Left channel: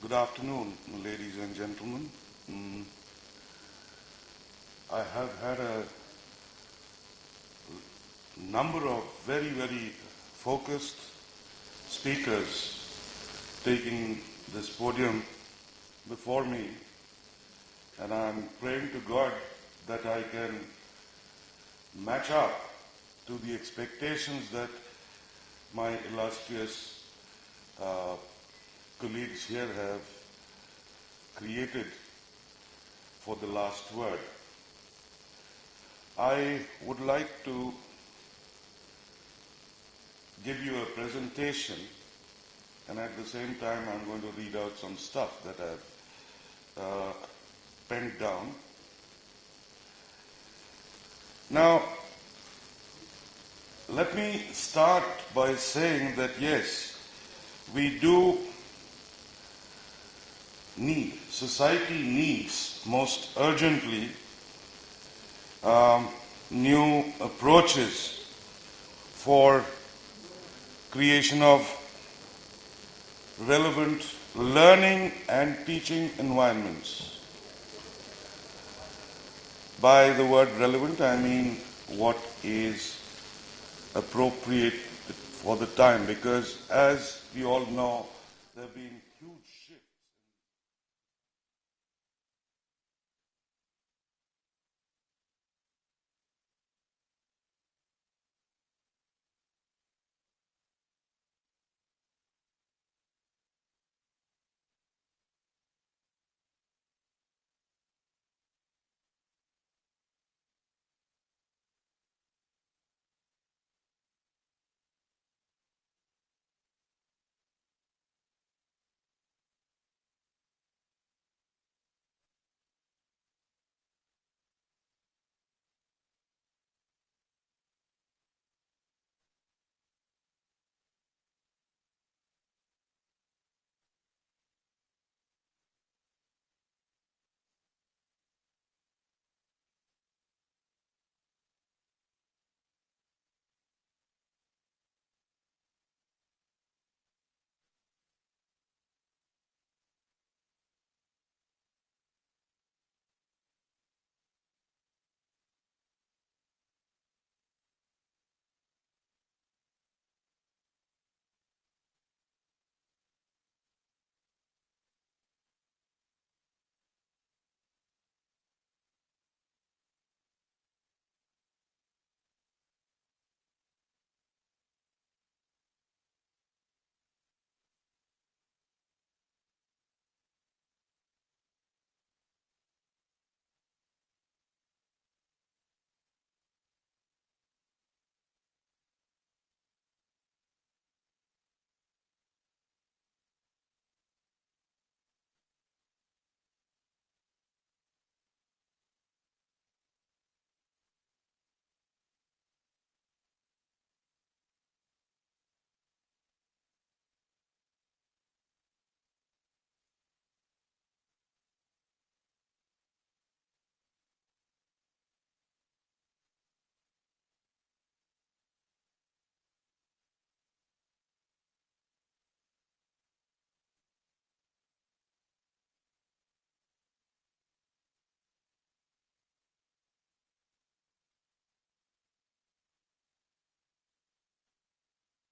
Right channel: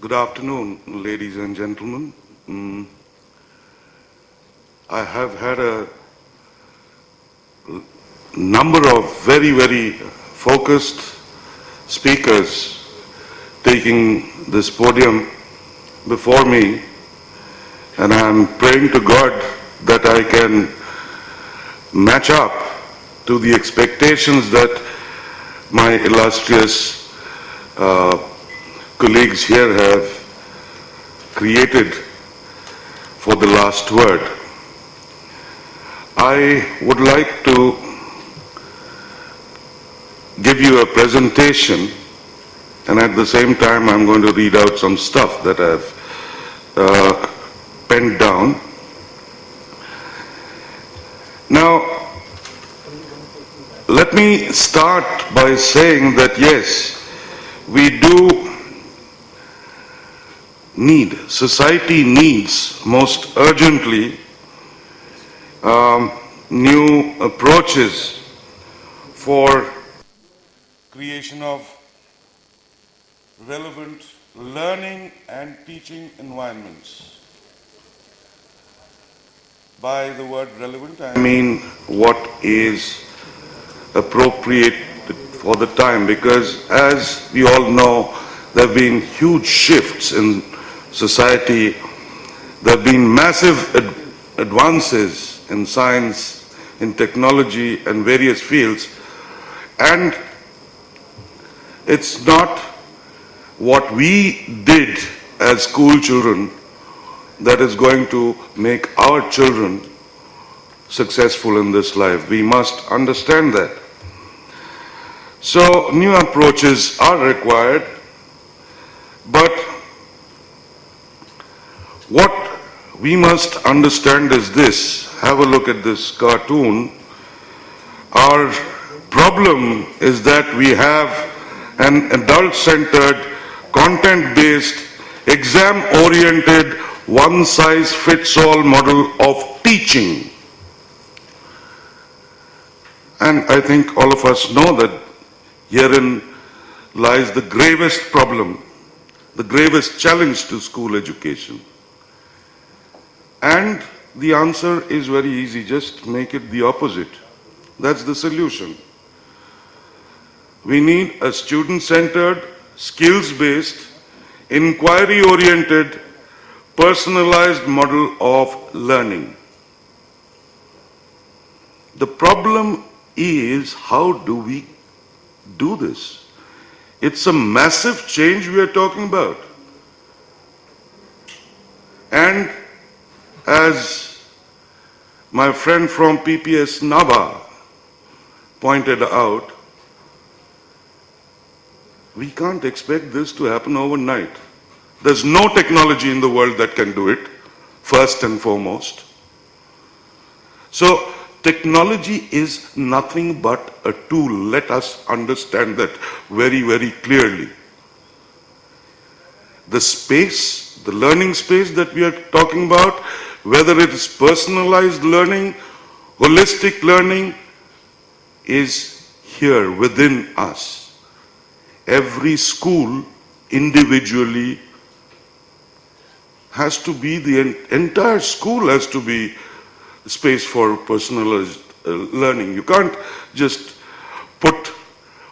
Good afternoon, ladies and gentlemen. Mm, I have had a number of very focused speakers taking this podium before me, and I'm praying to God that I can match up to the expectations that my illustrious colleagues here have created for the last word. I would like to give you a presentation, and at the same time I'm going to read out some stuff that I've penned down. Now, let me start by saying that yes, we do need, society needs most urgently new approaches for creation of relevant learning and teaching environments. By the word relevant, I mean what is appropriate for the time, because as we all know, there have been huge shifts in society. There have been massive advances in science, in technology, and various fields. And it's not what we did as school children that is going to make our children successful in this life. We must understand that. So new approaches are required, but what we must understand is this. Have a look at this cartoon. Our problem is that we have an adult-centered, content-based, exam-oriented, one-size-fits-all model of teaching. And I think all of us know that herein lies the gravest problem, the gravest challenge to school education. And the answer is very easy, just make it the opposite. That's the solution. We need a student-centered, skills-based, inquiry-oriented, personalized model of learning. The problem is, how do we do this? It's a massive change we are talking about. And as my friend from PPS Nabha pointed out, we can't expect this to happen overnight. There's no technology in the world that can do it, first and foremost. So technology is nothing but a tool. Let us understand that very clearly. The space, the learning space that we are talking about, whether it is personalized learning, holistic learning, is here within us. Every school individually has to be, the entire school has to be space for personalized learning. You can't just put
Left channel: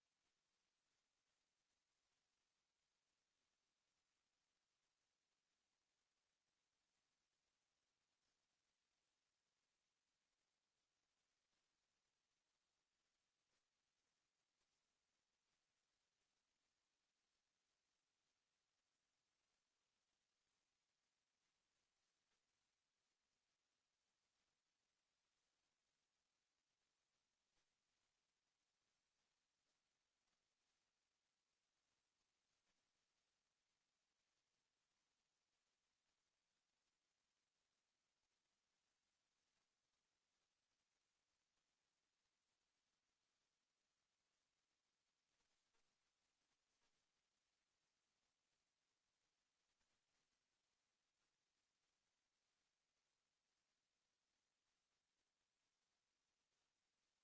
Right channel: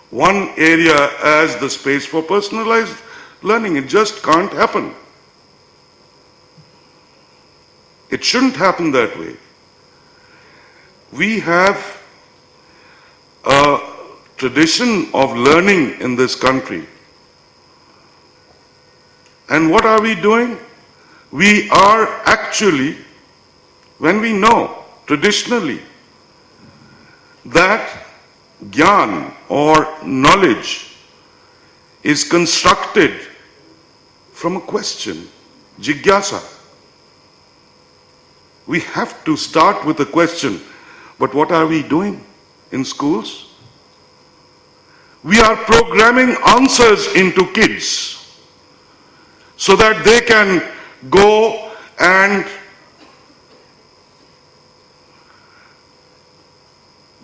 one area as the space for personalized learning. It just can't happen. It shouldn't happen that way. We have a tradition of learning in this country. And what are we doing? We are actually, when we know traditionally that gyan or knowledge is constructed from a question, jigyasa. We have to start with a question. But what are we doing in schools? We are programming answers into kids so that they can go and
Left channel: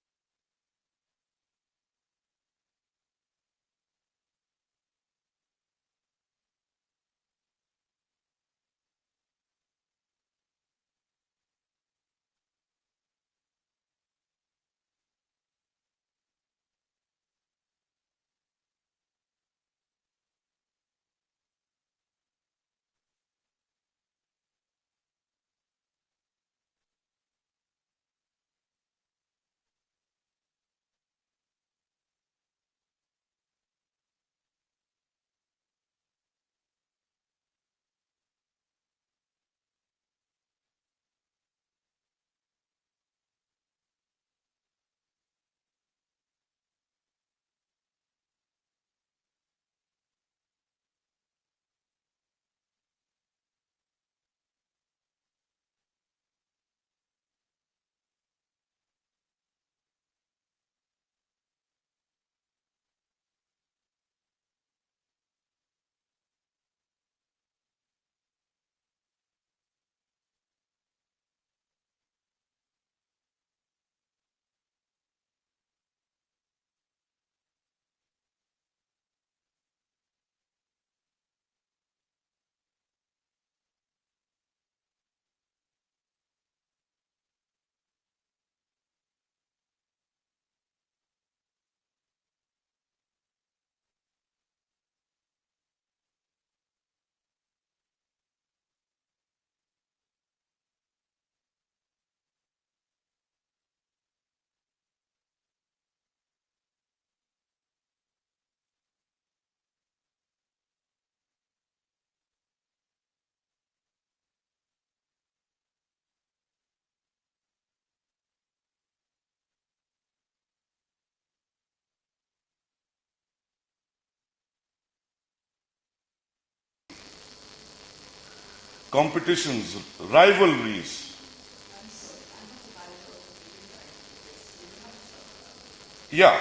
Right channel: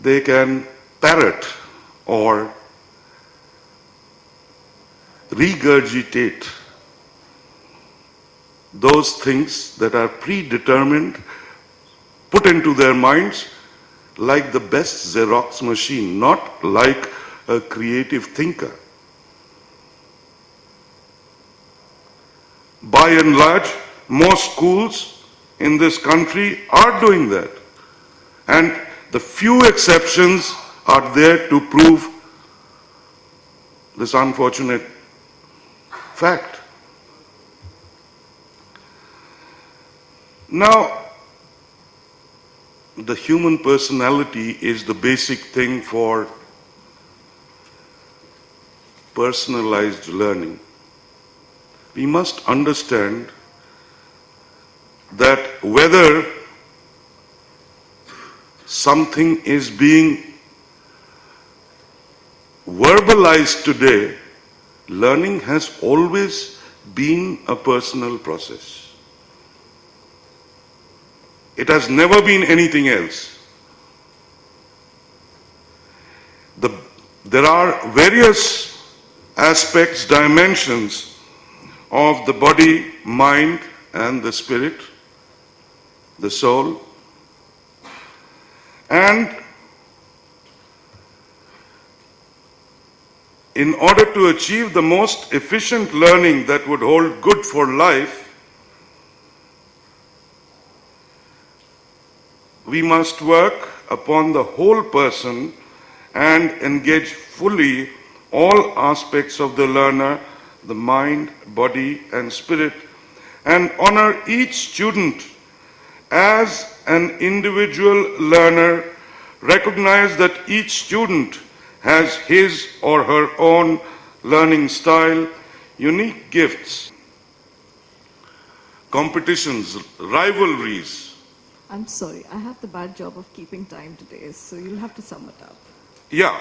they can parrot or regurgitate those things that are predetermined, put into their minds like the best Xerox machine, not like a creative thinker. By and large, most schools in this country are doing that. And the few exceptions are there to prove this unfortunate fact. Now, the human personality is the basic thing for personalized learning. We must understand that whether something is being verbalized today, learning has always been a personal process. It has never been anything else. There are various aspects, dimensions of the body, mind, and the spirit, the soul. And in order to achieve the most efficient learning that would hold good for life, we must work upon the whole person and engage fully all aspects of the learner, the mind, body, and spirit, and honor each student as an individual learner, recognize that each student has his or her own learning style, unique gifts, competitions, rivalries. I'm sorry, I have the bad job of keeping time today, so you'll have to sum it up. Yeah.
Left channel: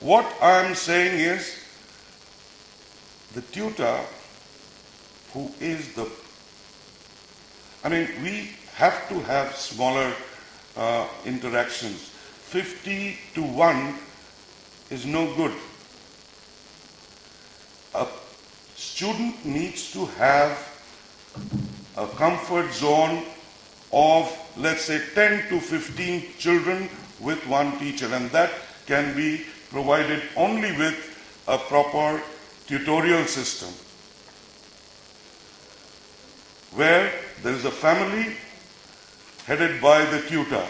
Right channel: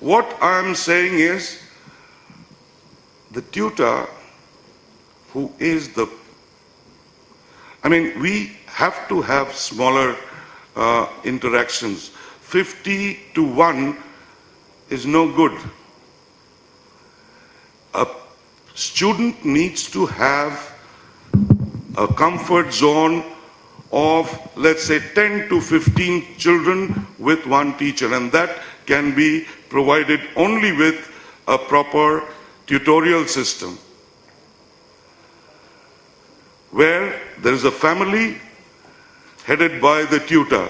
What I'm saying is, the tutor who is we have to have smaller interactions. 50 to 1 is no good. A student needs to have a comfort zone of, let's say, 10 to 15 children with one teacher, and that can be provided only with a proper tutorial system, where there is a family headed by the tutor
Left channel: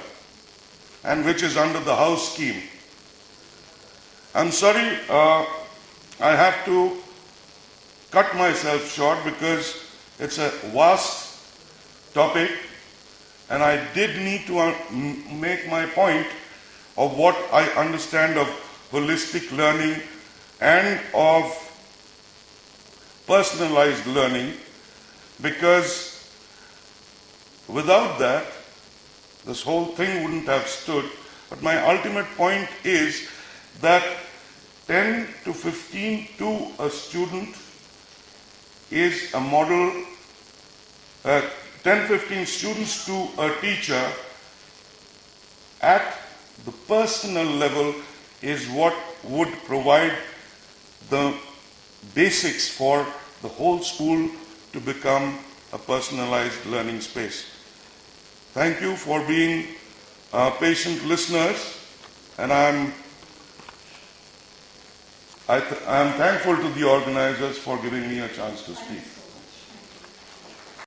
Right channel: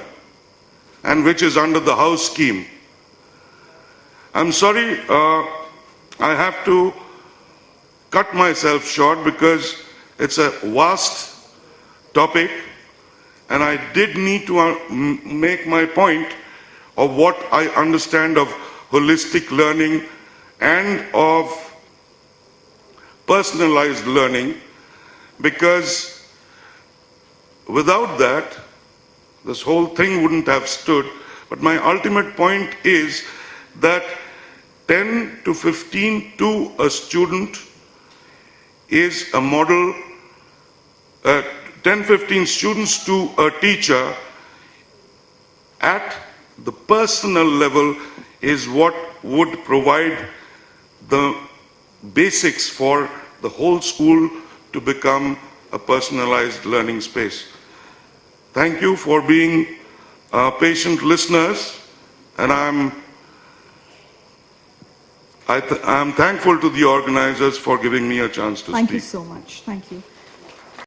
and which is under the house scheme. I'm sorry, I have to cut myself short because it's a vast topic, and I did need to make my point of what I understand of holistic learning and of personalized learning, because without that, this whole thing wouldn't have stood. But my ultimate point is that 10 to 15 to a student is a model, 10-15 students to a teacher at the personal level is what would provide the basics for the whole school to become a personalized learning space. Thank you for being patient listeners, and I'm thankful to the organizers for giving me a chance to speak. Thank you so much. Thank you.